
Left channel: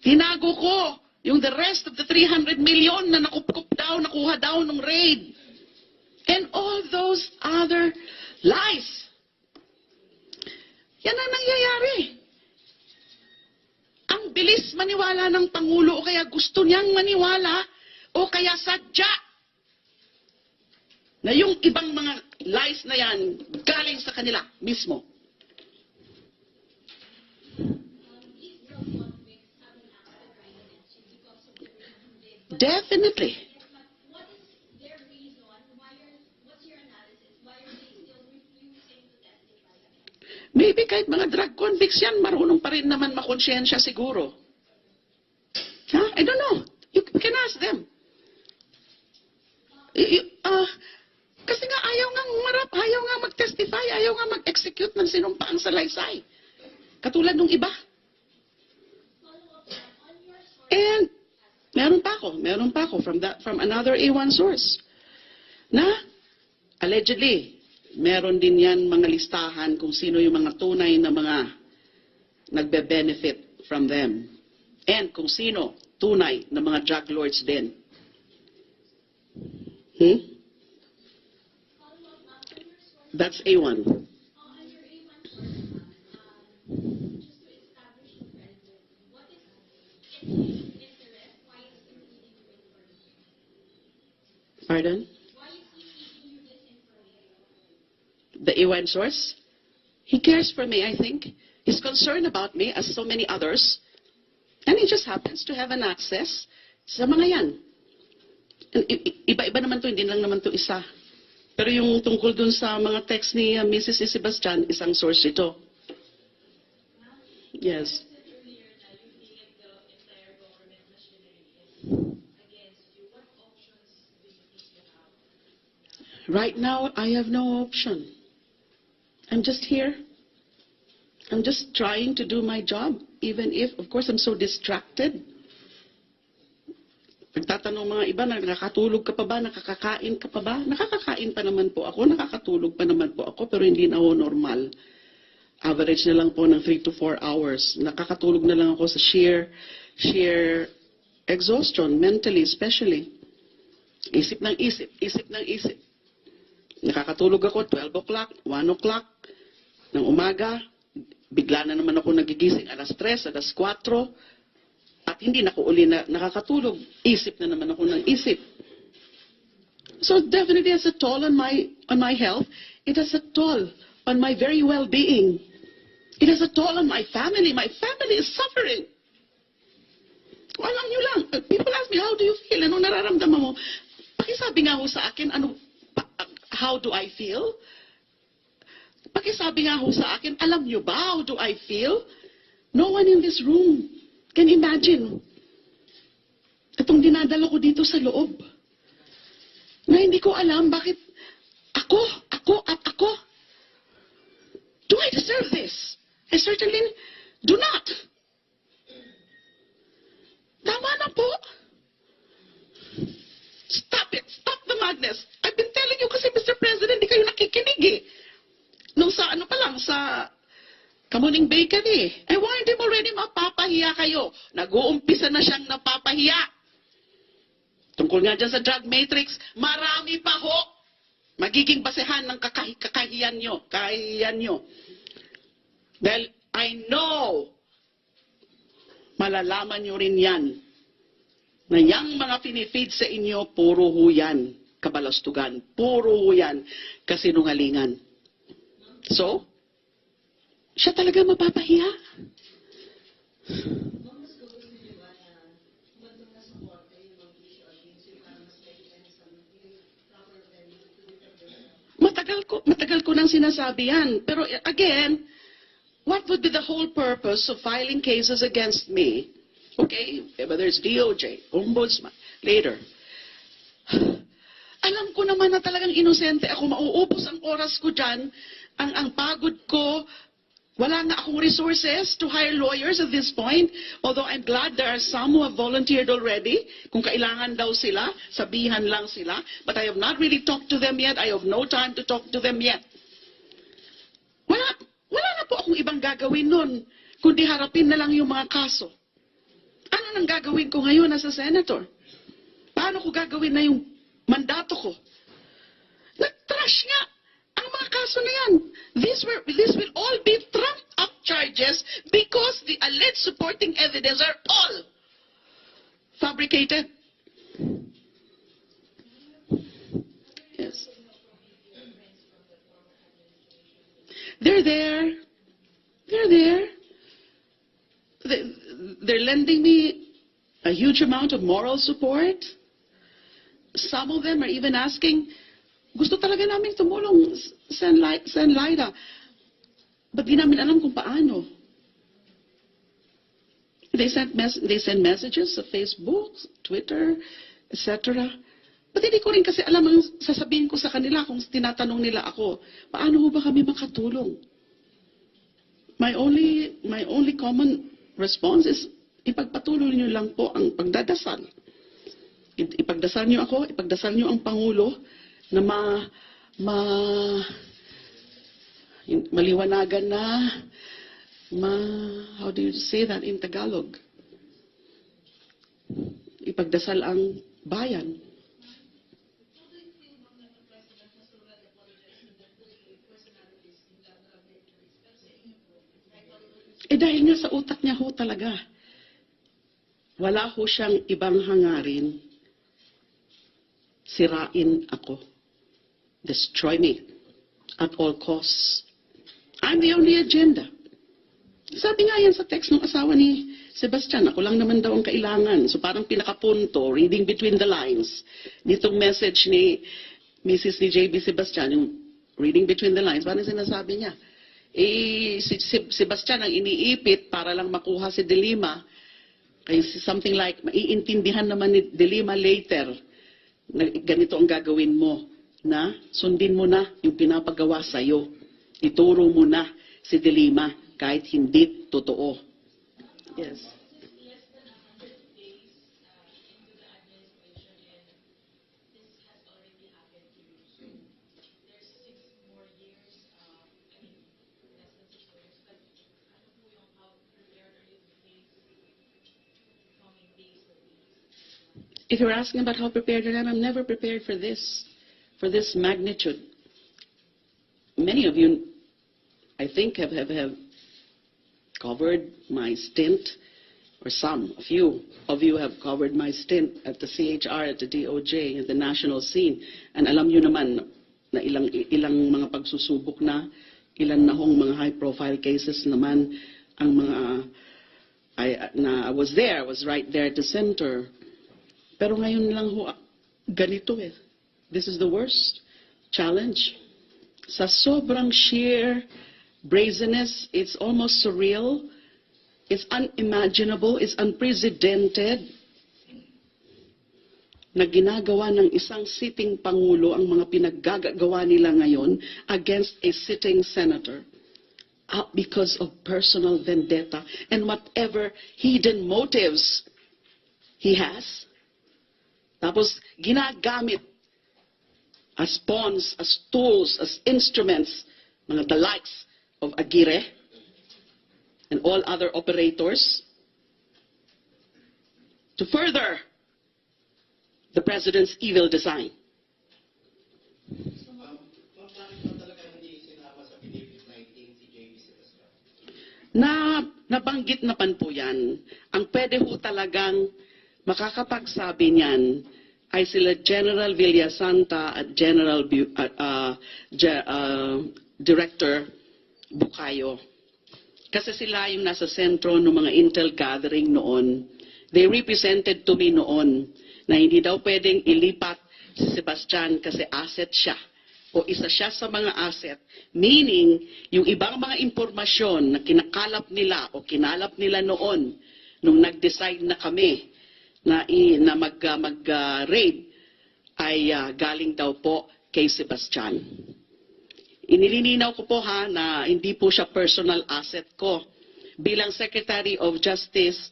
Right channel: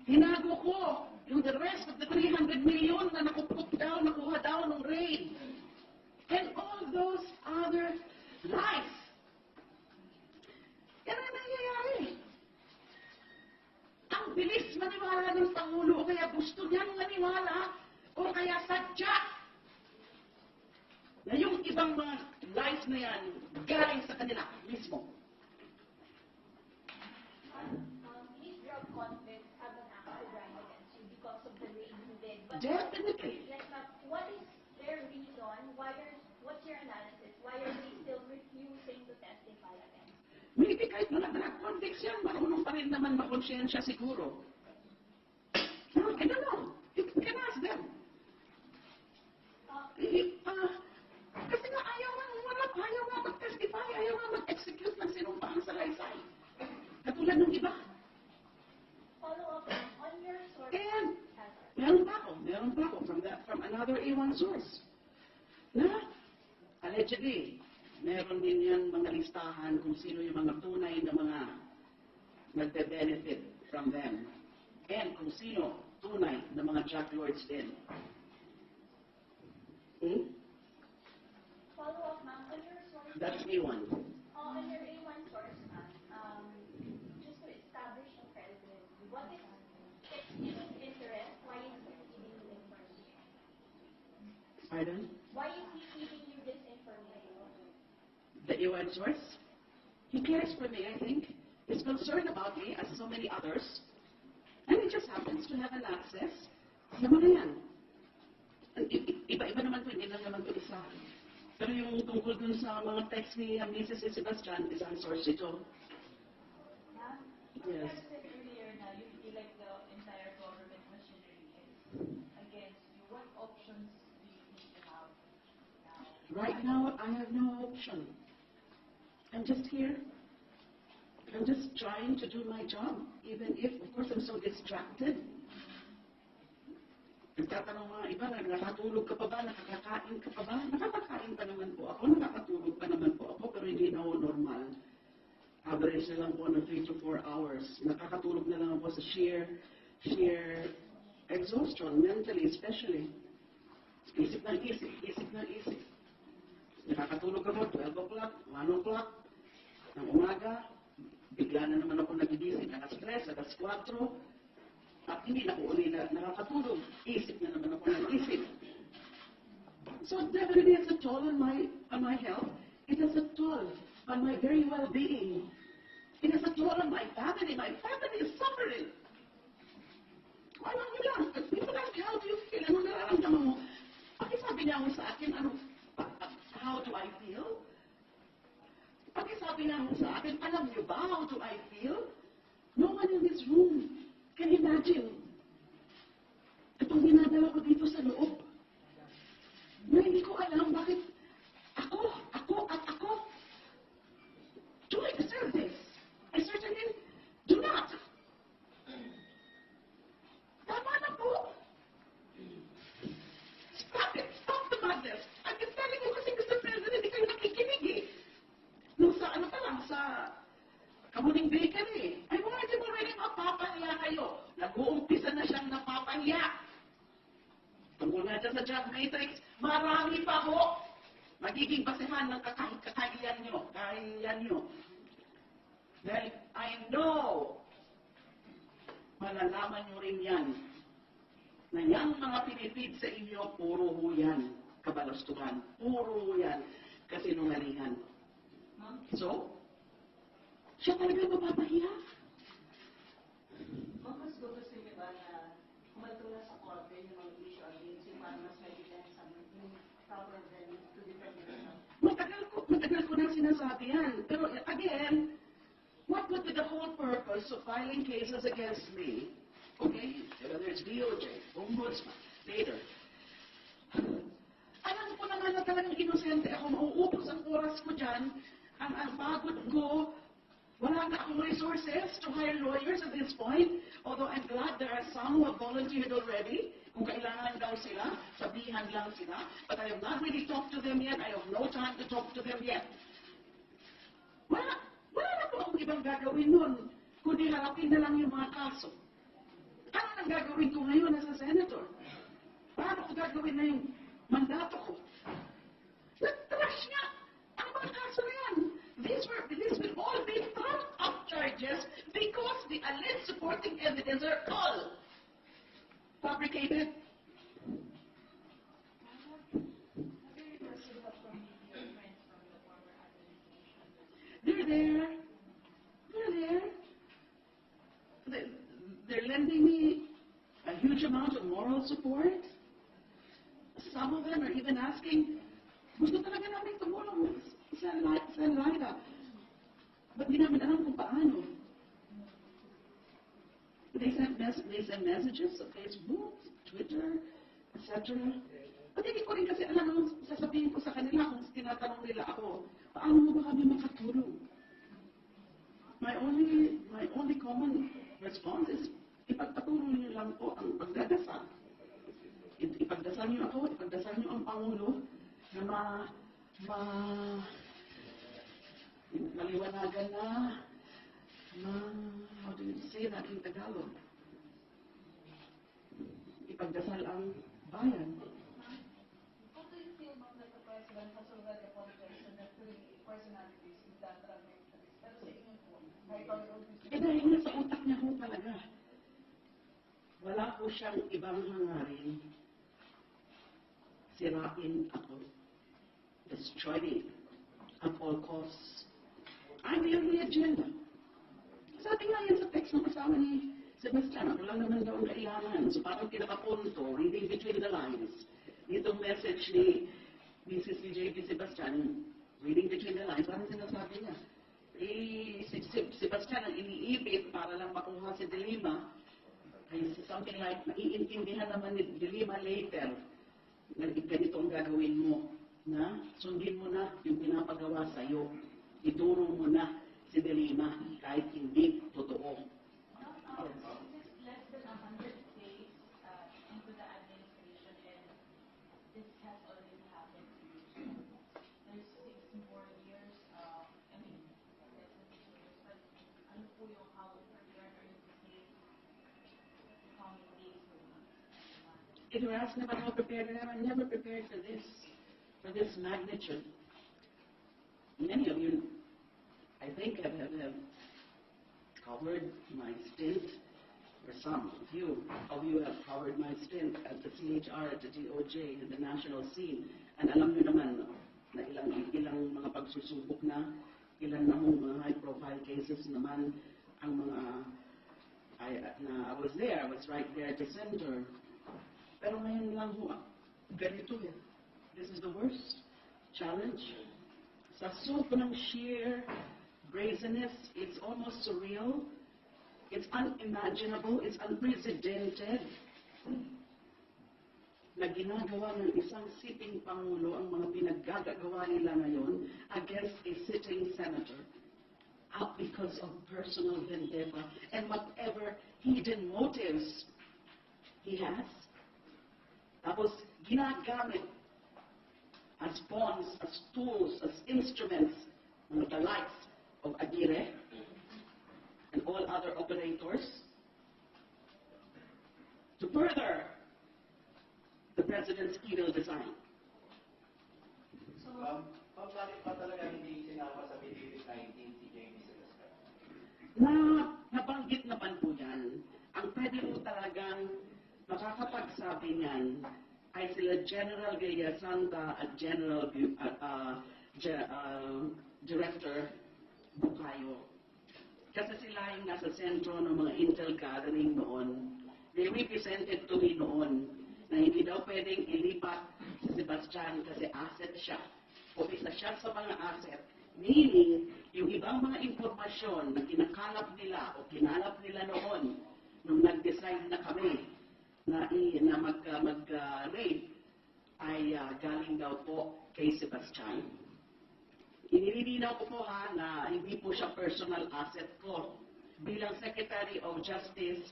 Tinago ko yung the rest of the 300 million na nakuha daw nung raid. And all those other lies. Yan ang nangyayari. Ang bilis maniwala ng Pangulo o kaya gusto niyang maniwala o kaya sadya na yung ibang mga lies na yan galing sa kanila mismo. These drug convicts have an active right against you because of the raid you did. But Definitely. yes, ma'am, what is their reason? What's your analysis? Why are they still refusing to testify against you? Maybe kahit mga drug convicts yan, marunong pa rin naman makonsyensya siguro. I don't know. You can ask them. Kasi nga ayaw nga umarap, ayaw nga mag-testify, ayaw nga mag-execute ng sinumpaang salaysay. Katulad nung iba. Follow up on your source. And meron pa ako from another A1 source na allegedly meron din yan mga listahan kung sino yung mga tunay na mga nagbe-benefit from them and kung sino tunay na mga drug lords din. Follow up, ma'am, on your source. That's A1. On your A1 source, ma'am, just to establish the credibility, what is its interest? Why is he feeding you information? Pardon? Why is he feeding you this information? The A1 source? He cares for me, I think. He's concerned about me as so many others. And he just happens to have an access sa mga yan. Iba-iba naman to, hindi lang naman to isa. Pero yung tungkol dun sa mga text ni Mrs. Sebastian, isang source ito. Yes. You said earlier na you feel like the entire government machinery is against you. What options do you think you have now? Right now, I have no option. I'm just here. I'm just trying to do my job, even if, of course, I'm so distracted. Nagtatanong mga iba, nakakatulog ka pa ba? Nakakakain ka pa ba? Nakakakain pa naman po ako, nakakatulog pa naman po ako, pero hindi na ako normal. Average na lang po ng 3 to 4 hours. Nakakatulog na lang ako sa sheer exhaustion, mentally especially. Isip ng isip. Nakakatulog ako 12 o'clock, 1 o'clock ng umaga. Bigla na naman ako nagigising alas 3, alas 4. At hindi na ako uli na nakakatulog. Isip na naman ako ng isip. So definitely it has a toll on my health. It has a toll on my very well-being. It has a toll on my family. My family is suffering. Alam niyo lang, people ask me, how do you feel? Anong nararamdaman mo? Pakisabi nga ho sa akin, how do I feel? Pakisabi nga ho sa akin, alam niyo ba, how do I feel? No one in this room can imagine itong dinadala ko dito sa loob. Na hindi ko alam bakit ako. Do I deserve this? I certainly do not. Tama na po. Stop it. Stop the madness. I've been telling you kasi, Mr. President, di kayo nakikinig eh. Nung sa sa Kamuning Bakery. I warned him already, mapapahiya kayo. Nag-uumpisa na siyang napapahiya. Tungkol nga dyan sa drug matrix, marami pa ho magiging basehan ng kakahiyan nyo. Dahil I know, malalaman nyo rin yan, na yung mga pinifeed sa inyo, puro ho yan, kabalastugan. Puro ho yan, kasinungalingan. So, siya talaga mapapahiya. Ma'am, mas gusto niyo ba na humantong na sa korte yung mga issue against you para mas maibigan sa yung proper venue to defend yourself? Matagal ko nang sinasabi yan. Pero again, what would be the whole purpose of filing cases against me? Okay, whether it's DOJ, Ombudsman, later. Alam ko naman na talagang inosente ako, mauubos ang oras ko dyan, ang pagod ko, Wala nga akong resources to hire lawyers at this point, although I'm glad there are some who have volunteered already. Kung kailangan daw sila, sabihan lang sila. But I have not really talked to them yet. I have no time to talk to them yet. Wala na po akong ibang gagawin nun, kundi harapin na lang yung mga kaso. Ano nang gagawin ko ngayon as a senator? Paano ko gagawin na yung mandato ko? Nag-trash nga ang mga kaso na yan. This will all be trumped up charges because the alleged supporting evidence are all fabricated. Yes. They're there. They're there. They're lending me a huge amount of moral support. Some of them are even asking, gusto talaga namin tumulong, Sen Lyra. But di namin alam kung paano. They send messages sa Facebook, Twitter, etc. But hindi ko rin kasi alam ang sasabihin ko sa kanila kung tinatanong nila ako, paano ba kami makatulong? My only common response is, ipagpatuloy niyo lang po ang pagdadasal. Ipagdasal niyo ako, ipagdasal niyo ang Pangulo na maliwanagan na, how do you say that in Tagalog? Ipagdasal ang bayan. How do you feel, ma'am, that the President has already apologized to the three personalities in the drug matrix? Pero sa inyo po, ay pag-ulit Dahil nga sa utak niya ho talaga. Wala ho siyang ibang hangarin. Sirain ako. Destroy me at all costs. I'm the only agenda. Sabi nga yan sa text ng asawa ni Sebastian, ako lang naman daw ang kailangan. So parang pinakapunto, reading between the lines, nitong message ni Mrs. ni JB Sebastian, yung reading between the lines, parang sinasabi niya, si Sebastian ang iniipit para lang makuha si DELIMA. Kaya something like, maiintindihan naman ni DELIMA later na ganito ang gagawin mo, na sundin mo na yung pinapagawa sa'yo. Ituro mo na si DELIMA kahit hindi totoo. Yes. Just less than 100 days into the administration, and this has already happened to you. So there's 6 more years. I mean, less than 6 more years. But ano po yung how prepared are you to face the coming days or weeks? If you're asking about how prepared I am, I'm never prepared for this magnitude. Many of you, I think, have covered my stint, or some of you have covered my stint at the CHR, at the DOJ, at the national scene. And alam nyo naman na ilang mga pagsusubok na, ilan na hong mga high-profile cases naman ang mga, I was there, I was right there at the center. Pero ngayon lang ho, ganito eh. This is the worst challenge. Sa sobrang sheer brazenness, it's almost surreal, it's unimaginable, it's unprecedented na ginagawa ng isang sitting Pangulo ang mga pinaggagawa nila ngayon against a sitting senator because of personal vendetta and whatever hidden motives he has. Tapos ginagamit as pawns, as tools, as instruments, mga the likes of Aguirre and all other operators to further the President's evil design. Bakit ba talaga hindi sinama sa Benefit 19 si JB Sebastian? Nabanggit na pan po yan. Ang pwede ho talagang makakapagsabi niyan ay sila General Villasanta at Director Bukayo. Kasi sila yung nasa sentro ng mga intel gathering noon. They represented to me noon na hindi daw pwedeng ilipat si Sebastian kasi asset siya o isa siya sa mga asset. Meaning, yung ibang mga impormasyon na kinakalap nila o kinalap nila noon nung nag-decide na kami na mag-raid ay galing daw po kay Sebastian. Inililinaw ko po na hindi po siya personal asset ko. Bilang Secretary of Justice,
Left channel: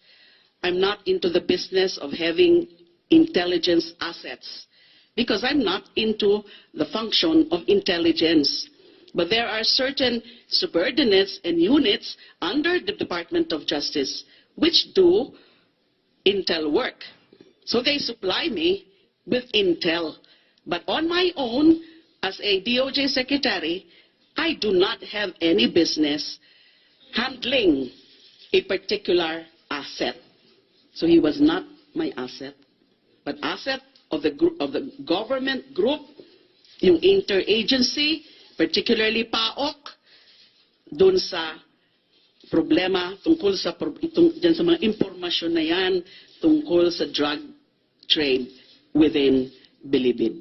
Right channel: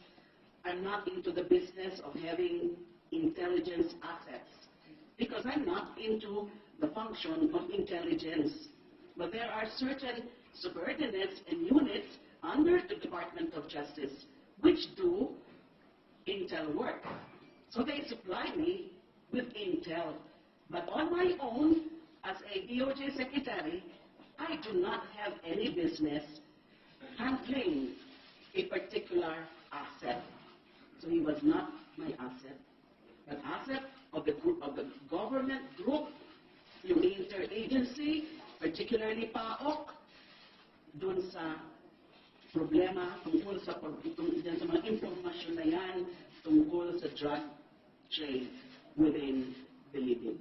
I'm not into the business of having intelligence assets because I'm not into the function of intelligence. But there are certain subordinates and units under the Department of Justice which do intel work. So they supply me with intel. But on my own, as a DOJ Secretary, I do not have any business handling a particular asset. So he was not my asset, but asset of the group, of the government group, yung interagency, particularly PAOK, dun sa problema tungkol sa dyan sa mga impormasyon na yan tungkol sa drug trade within Bilibid.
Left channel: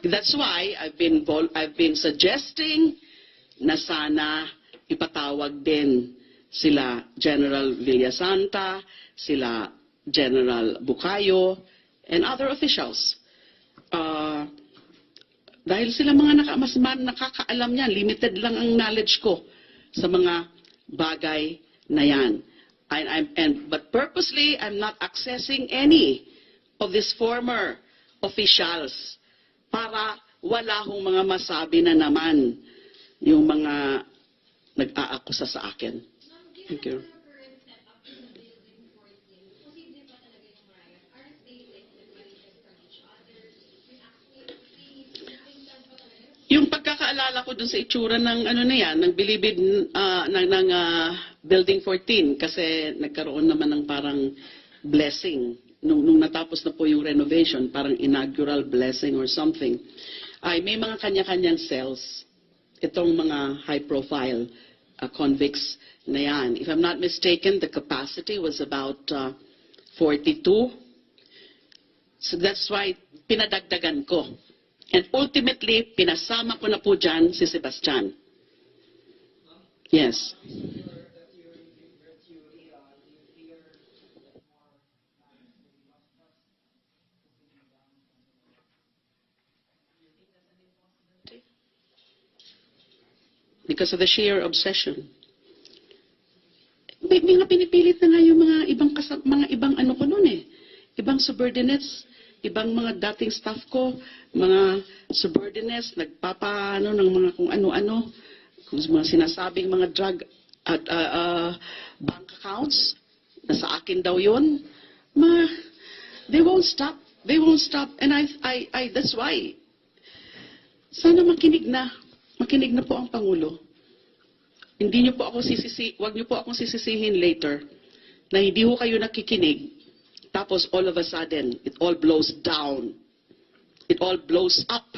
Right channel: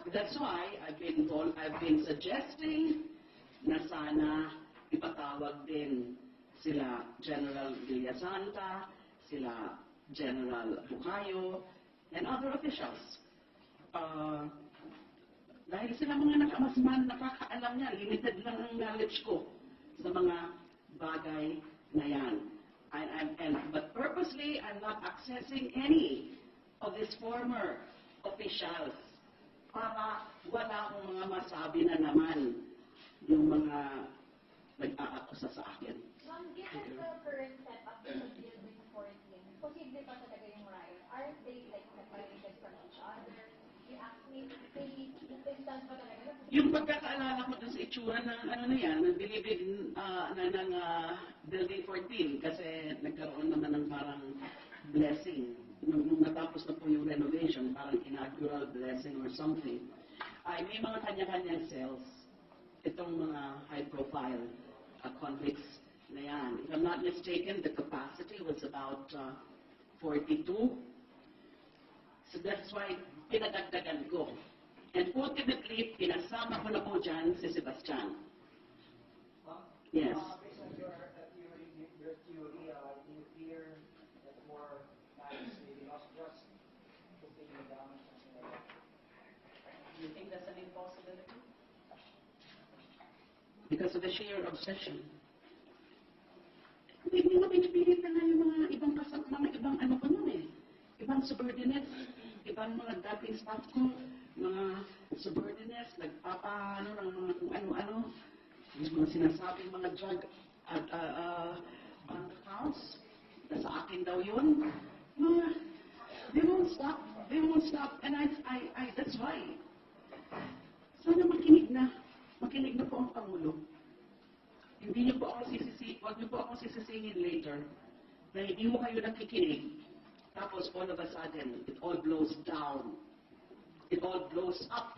That's why I've been suggesting na sana ipatawag din sila General Villasanta, sila General Bucayo, and other officials. Dahil sila mga mas nakakaalam yan, limited lang ang knowledge ko sa mga bagay na yan. But purposely, I'm not accessing any of these former officials para wala hong mga masabi na naman yung mga nag-aakusa sa akin. Ma'am, Thank you. given the current setup in the building 14, posible pa talaga yung riot? Aren't they like separated from each other? Maybe instance pa talaga? Yung pagkakaalala ko dun sa itsura ng ano na yan, ng Bilibid, ng Building 14, kasi nagkaroon naman ng parang blessing. Nung natapos na po yung renovation, parang inaugural blessing or something, ay may mga kanya-kanyang cells. Itong mga high-profile convicts na yan. If I'm not mistaken, the capacity was about 42. So that's why pinadagdagan ko. And ultimately, pinasama ko na po dyan si Sebastian. Yes. Based on your theory, do you fear that more lives may be lost just taking down something like that? Do you think that's an impossibility? Because of the sheer obsession. May mga pinipilit na nga yung mga ibang ano ko noon eh. Ibang subordinates, ibang mga dating staff ko, mga subordinates, nagpapaano ng mga kung ano-ano, kung mga sinasabing mga drug at bank accounts, nasa akin daw yun. They won't stop. They won't stop. And that's why. Sana makinig na po ang Pangulo. Hindi niyo po ako wag niyo po akong sisisihin later na hindi ho kayo nakikinig. Tapos all of a sudden, it all blows down. It all blows up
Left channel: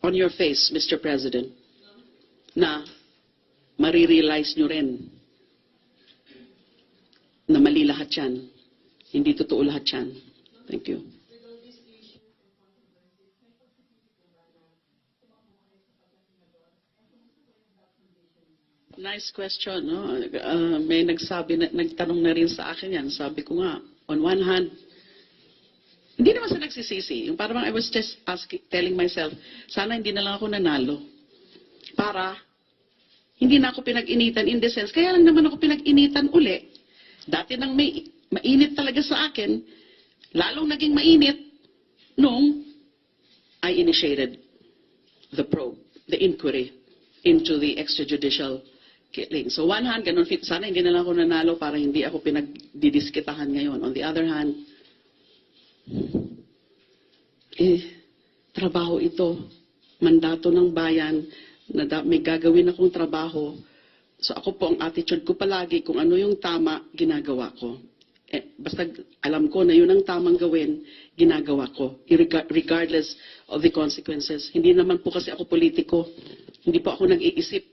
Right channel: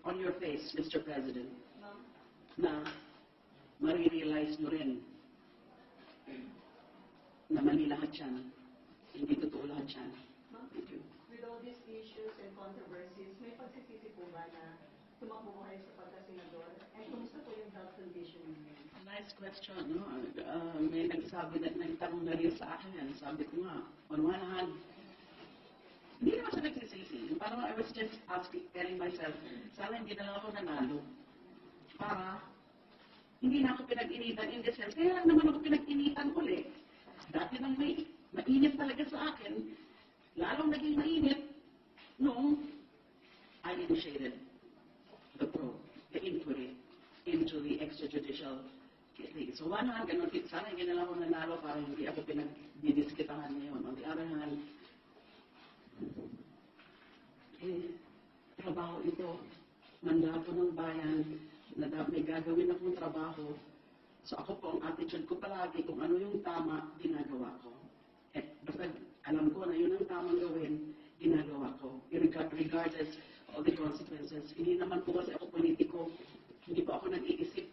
on your face, Mr. President. Na marirealize nyo rin na mali lahat yan. Hindi totoo lahat yan. Thank you. With all these issues and controversies, may pagsisisi po ba na tumakbo mo kayo sa pagka-senador? And kumusta po yung health condition niyo? Nice question. No? May nagtanong na rin sa akin yan. Sabi ko nga, on one hand, hindi naman sa nagsisisi. Yung parang I was just telling myself, sana hindi na lang ako nanalo. Para hindi na ako pinag-initan in the sense, kaya lang naman ako pinag-initan uli. Dati nang mainit talaga sa akin, lalong naging mainit nung I initiated the probe, the inquiry into the extrajudicial killing. So one hand, ganun, sana hindi na lang ako nanalo para hindi ako pinagdidiskitahan ngayon. On the other hand, trabaho ito, mandato ng bayan, na may gagawin akong trabaho. So ako po, ang attitude ko palagi, kung ano yung tama, ginagawa ko. Basta alam ko na yun ang tamang gawin, ginagawa ko, regardless of the consequences. Hindi naman po kasi ako politiko. Hindi po ako nag-iisip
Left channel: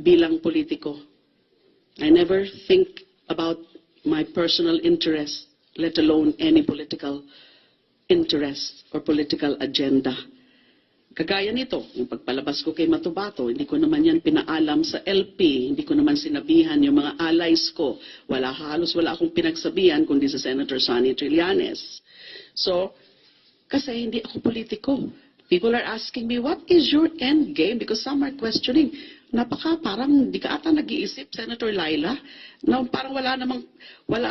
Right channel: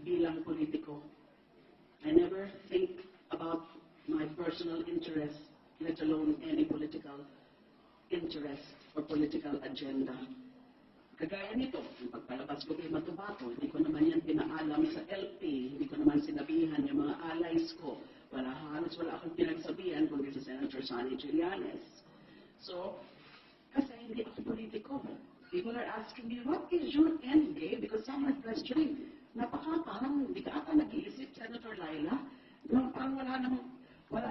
bilang politiko. I never think about my personal interest, let alone any political interest or political agenda. Kagaya nito, yung pagpalabas ko kay Matubato, hindi ko naman yan pinaalam sa LP, hindi ko naman sinabihan yung mga allies ko. Halos wala akong pinagsabihan kundi sa Senator Sonny Trillanes. So, kasi hindi ako politiko. People are asking me, what is your end game? Because some are questioning, parang di ka ata nag-iisip, Senator Laila, na parang wala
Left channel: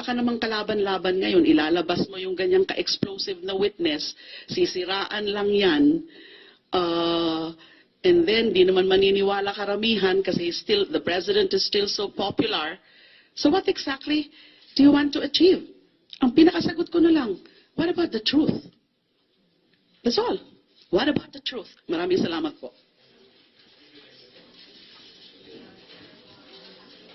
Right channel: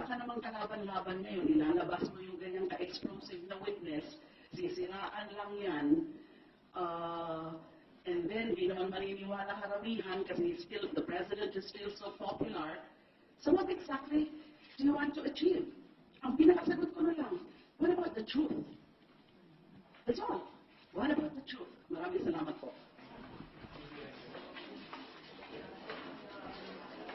ka namang kalaban-laban ngayon. Ilalabas mo yung ganyang ka-explosive na witness, sisiraan lang yan, and then di naman maniniwala karamihan kasi the president is still so popular. So what exactly do you want to achieve? Ang pinakasagot ko na lang, what about the truth? That's all. What about the truth? Maraming salamat po.